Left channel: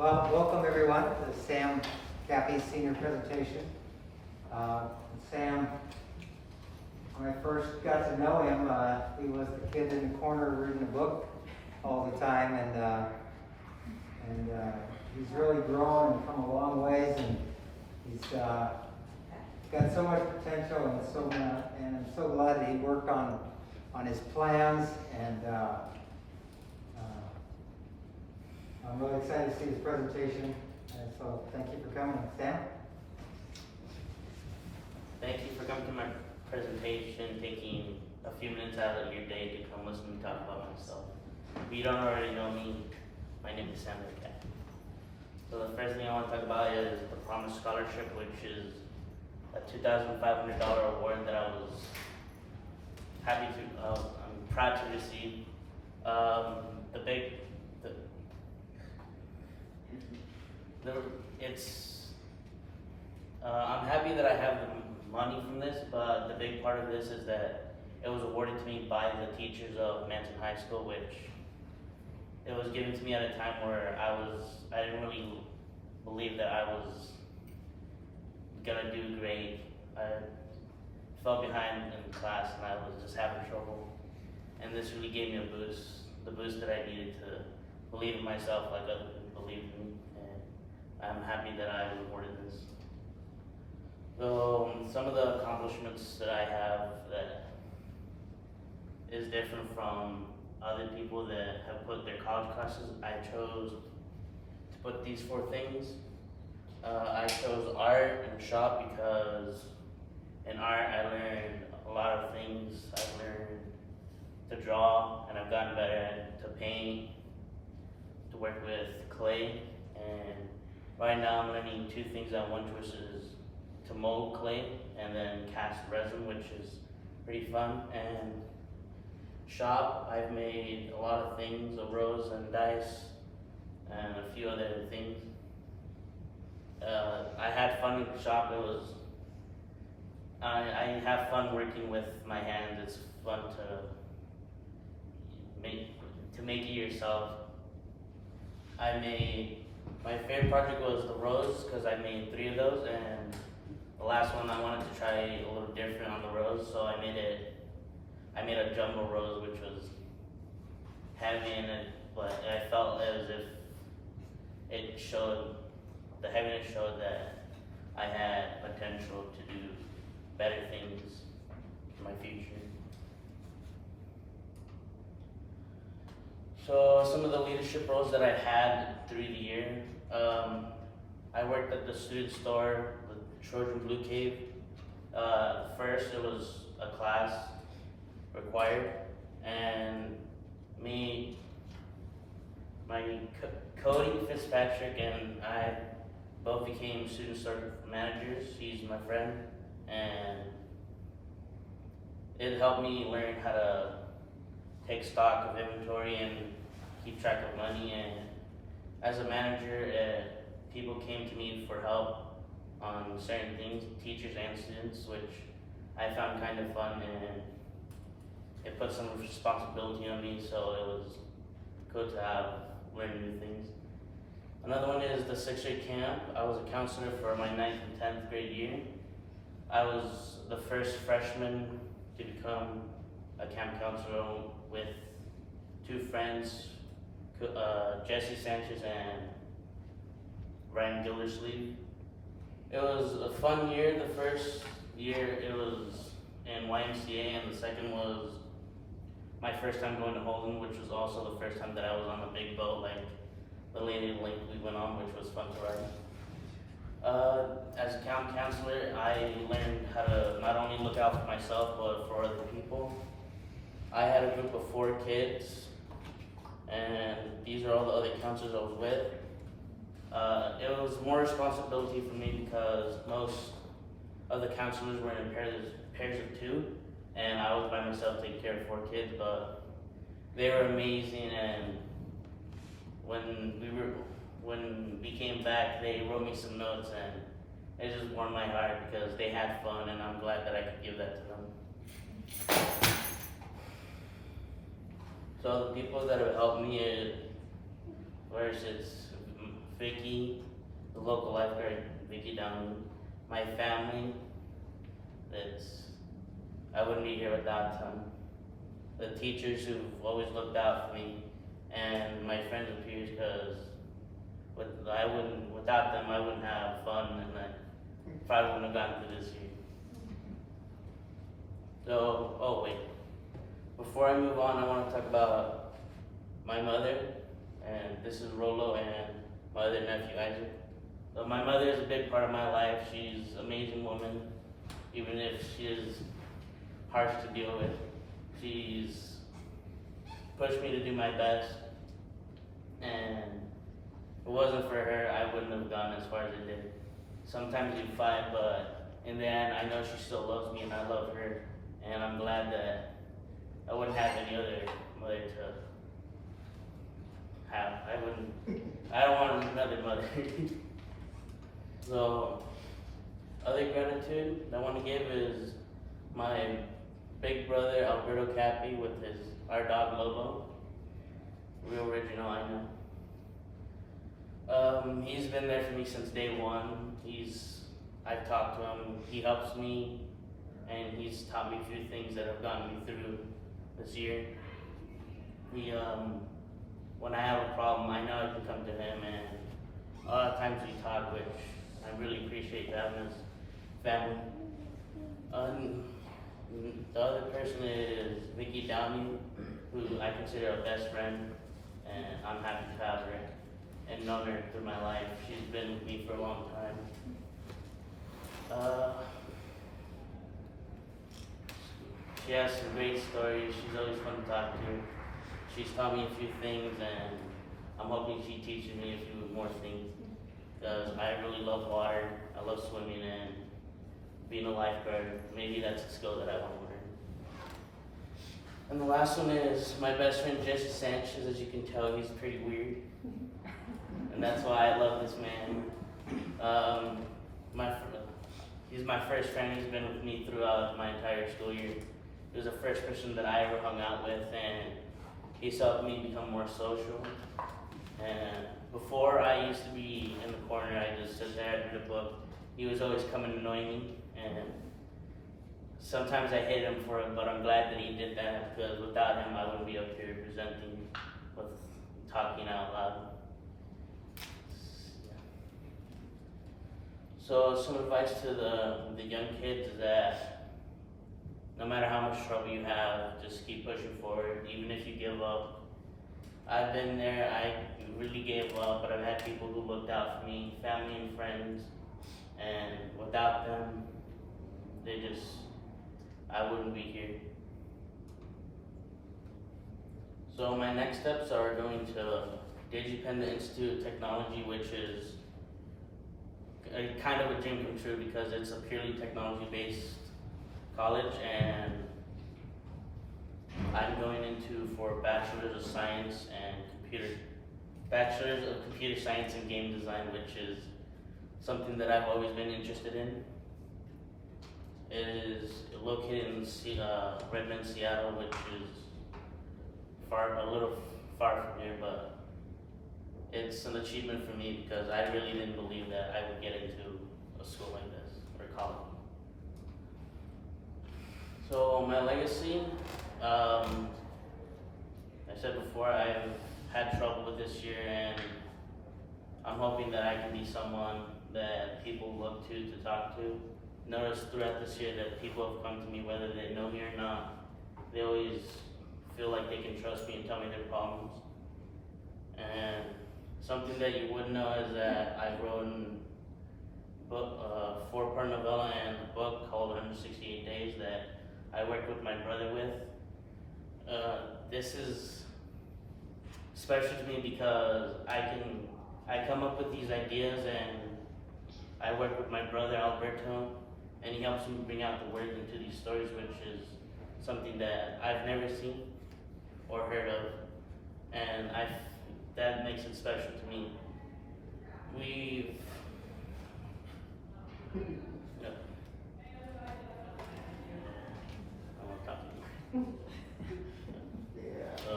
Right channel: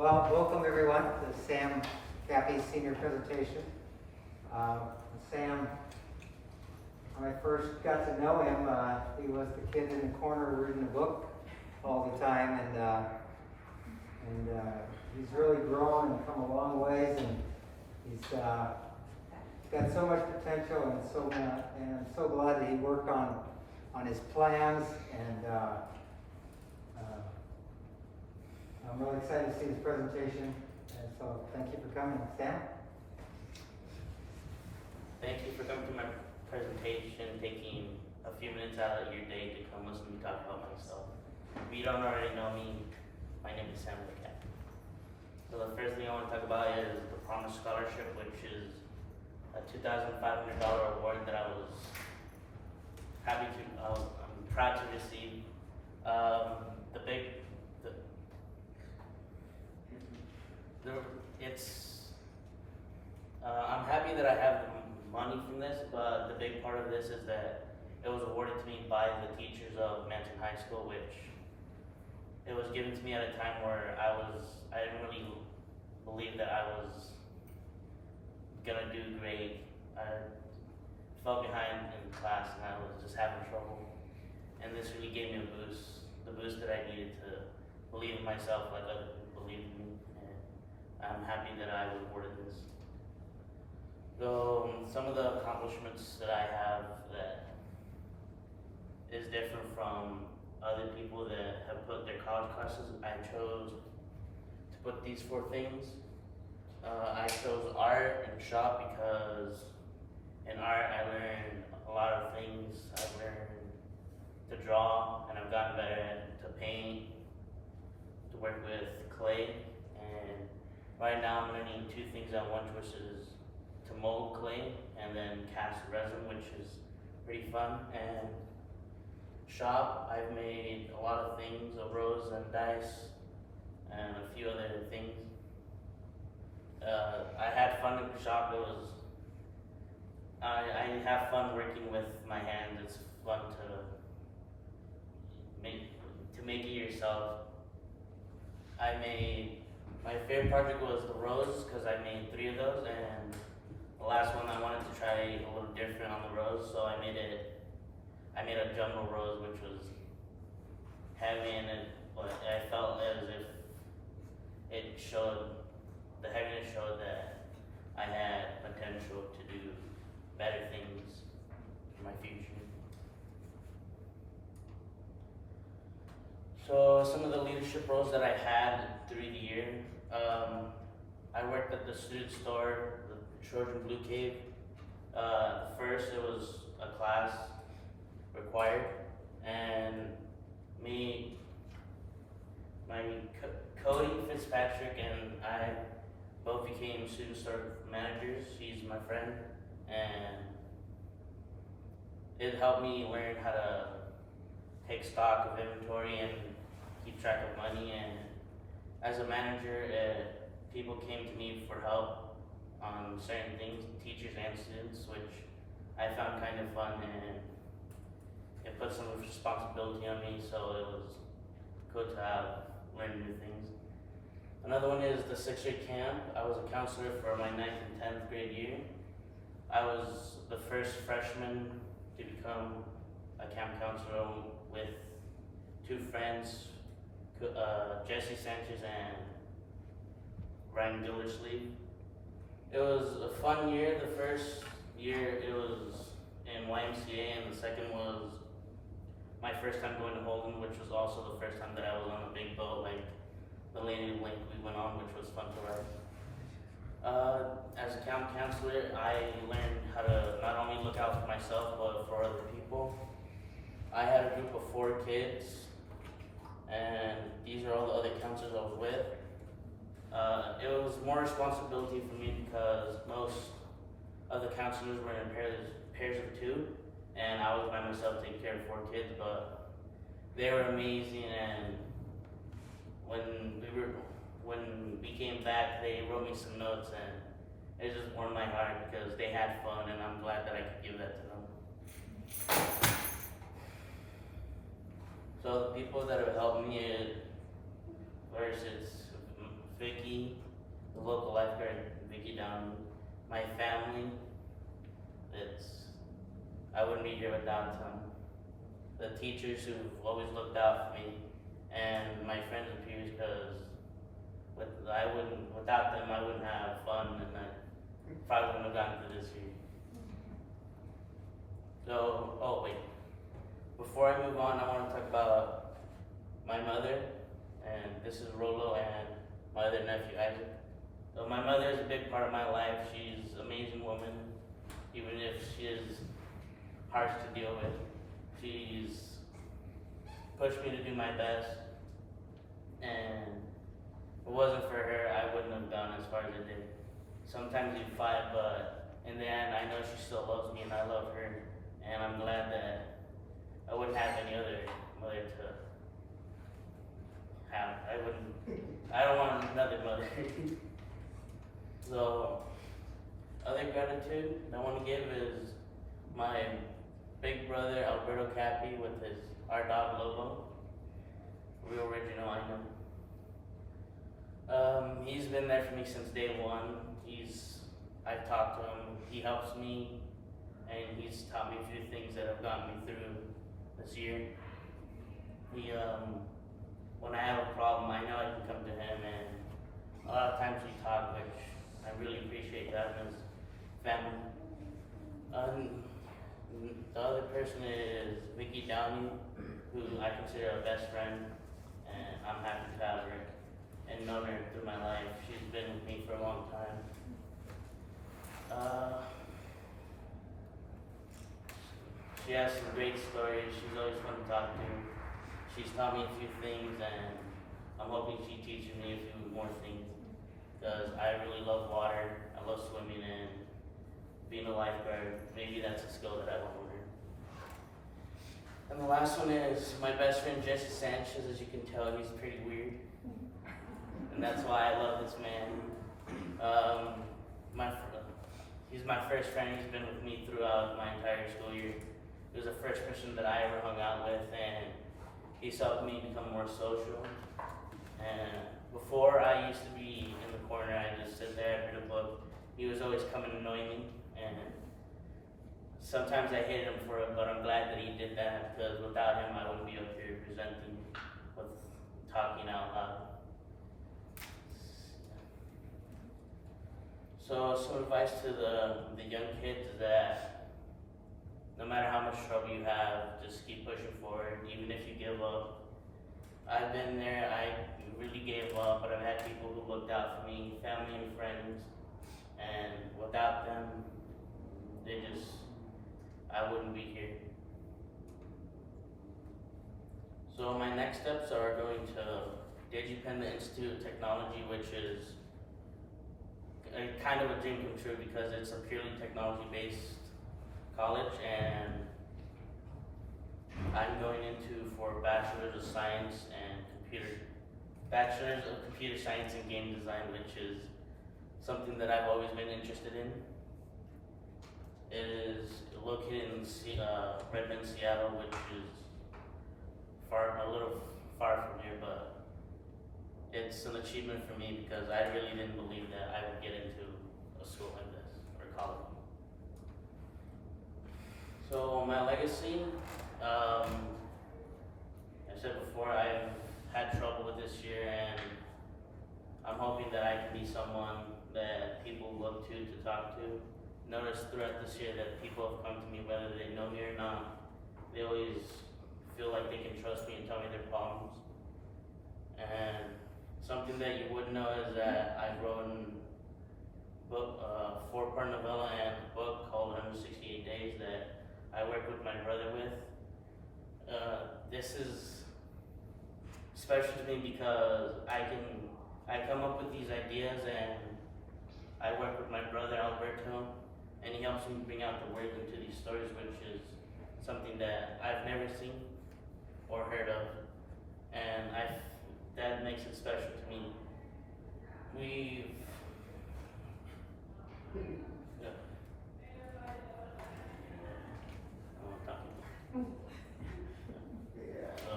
Well, welcome everyone to Sam Capi's senior presentation. Sam, when I first got to know him, he was the kid in the corner reading a book all the time, and he's really grown and come a long ways, and he's got so much potential, and I'm so glad that he worked on his plans, and I'm really excited to see his presentation, and so thank you for coming. Sam? Thank you for coming to my presentation, taking a few minutes out of your day to come listen to me talk about myself. If you don't already know me, my name is Sam Capi. So the first thing I want to talk about is the Promise Scholarship, which is a $2,500 award that I was I'm proud to receive. I'm happy that I have the money from this, but the big part of this is that it was awarded to me by the teachers of Manson High School, which it was given to me at a time where I didn't really believe that I was gonna do great. I fell behind in class and I was just having trouble. And this really gave me the boost that I needed to believe in myself like other people believed in me. And I'm happy that I was awarded this. So some of the accomplishments that I have that is different from other people that have put their college classes, I chose to put these 4 things. I chose art and shop because in art I learned a lot of things. I learned to draw, and I've gotten better at to paint, to work with clay, and right now I'm learning 2 things at once, which is to mold clay and then cast resin, which is pretty fun. And shop, I've made a lot of things, a rose and dice, and a few other things. I had fun at the shop. I have fun working with my hands. It's fun to make it yourself. My favorite project was the rose because I made 3 of those, and the last one I wanted to try a little different on the rose, so I made a jumbo rose, which was heavy in it, but I felt as if the heaviness showed that I had potential to do better things in my future. So some of the leadership roles that I had through the year, I worked at the student store, the Trojan Blue Cave. First it was a class required, and Cody Fitzpatrick and I both became student store managers. He's my friend, and it helped me learn how to take stock of inventory and keep track of money. And as a manager, people came to me for help on certain things, teachers and students, which I found kind of fun, and it put some responsibility on me, so it was good to have learned new things. Another one is the 6th grade camp. I was a counselor for my 9th and 10th grade year. I was the first freshman to become a camp counselor with 2 friends, Jesse Sanchez and Ryan Gildersleeve. It was a fun year. The first year it was in YMCA, and the second was my first time going to Holden, which was also the first time that I was on a big boat like the Lady Lake we went on, which was fun to ride. As a camp counselor, I learned how to not only look out for myself, but for other people. I had a group of 4 kids, and these are all the other counselors I was with. It was more responsibility for me because most of the counselors were in pairs of 2, and I was by myself taking care of 4 kids, but they were amazing. And when we came back, they wrote me some notes, and it just warmed my heart because they had fun, and I'm glad that I could give that to them. So the people that have helped me, first it's Vicky, the local lifeguard, Vicky Downey, my family. I wouldn't be here without them. The teachers who've always looked out for me, and my friends and peers, because without them, I wouldn't have fun, and I probably wouldn't have gotten through this year. So, oh wait, before I move on, I want to talk about my mother, and this is Rolo and my other nephew, Isaac. So my mother is a big part of my life. She's an amazing woman, even if she is harsh to deal with. She's pushed me to do my best, and if it wasn't for her, I wouldn't have gone as far as I did. Sometimes you fight, but in the end, I know she still loves me, and I love her, and I'm glad that I wouldn't have any other mother to have. I don't want another mother. So, other gratitude I want to give is my big brother, Alberto Capi, with our dog Lobo. Real original, I know. He's been there for me since day one. I've talked to him, he helps me, and he's taught me a few things that have gotten me through this year. When I have a problem, I know I can come to him, and a lot of times we talk, which I really appreciate that as family. The other person is Vicky Downey, who I consider a best friend, and I'm happy to have her and known her through my life. She's been with me for a long time. She has some great stories. She's always fun to talk to. She's taught me a few things, and I'm hoping she teaches me a few more things, because I really love water. I love swimming and being a lifeguard. Maybe that's a skill that I want to learn. And the last one is my best friend Jesse Sanchez. As you can tell, he's pretty weird, and that's why I love this man. He's my first friend. He's been with me throughout my entire school year. He was the first person that I ever hung out with, and he's helped me become more social. And before, I used to be in the corner. I just sit there, I'd read a book. He was always coming and annoying me, and sometimes I hated him for it, but I'm glad that he did that, because without him, I wouldn't be up here presenting with talking out loud. So some advice to the young kids is that no matter how much trouble you have, just keep pushing forward, even if you give up. I've been there, I really gave up, but I've had people who looked out for me, family and friends, and without them, I wouldn't be here. So my next steps are going to DigiPen, the Institute of Technology, which is kind of a dream come true, because it's a purely technology-based college, and I'm going into for Bachelor's of Science and Bachelor's of Computer Science and Game Design, which is something that I've always been interested in. It is located in Redmond, Seattle, which is a little far from here, but it's an achievement for me, because I really didn't believe that I would get into a school like this, or college. So my legacy, I said before, I've had trouble with this year, and I'm hoping that I can be someone that people look to talk to. Notice throughout this year that people have come to me, whether they know me or not. They always feel like they can trust me and tell me their problems. And something that you would know is that I've written a 4-part novella and a book called 168 Days that I worked with my brother with. This is special to me because I come up with these ideas, and I work with my brother Alberto, and he helps me bring out the words into these stories, which is something that I've never seen or heard of, and that makes it special to me. Yeah. I won't talk anymore. Yeah. Let's go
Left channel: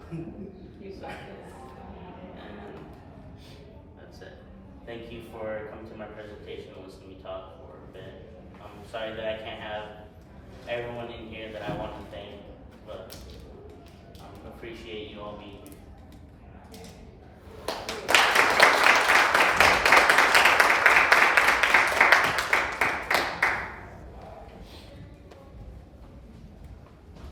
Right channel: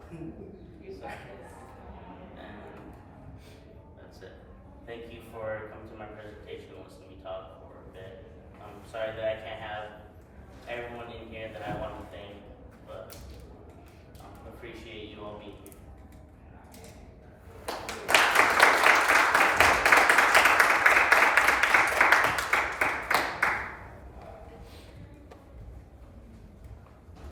on. You got this. thank you for coming to my presentation and listening to me talk for a bit. I'm sorry that I can't have everyone in here that I want to thank, but appreciate you all being here.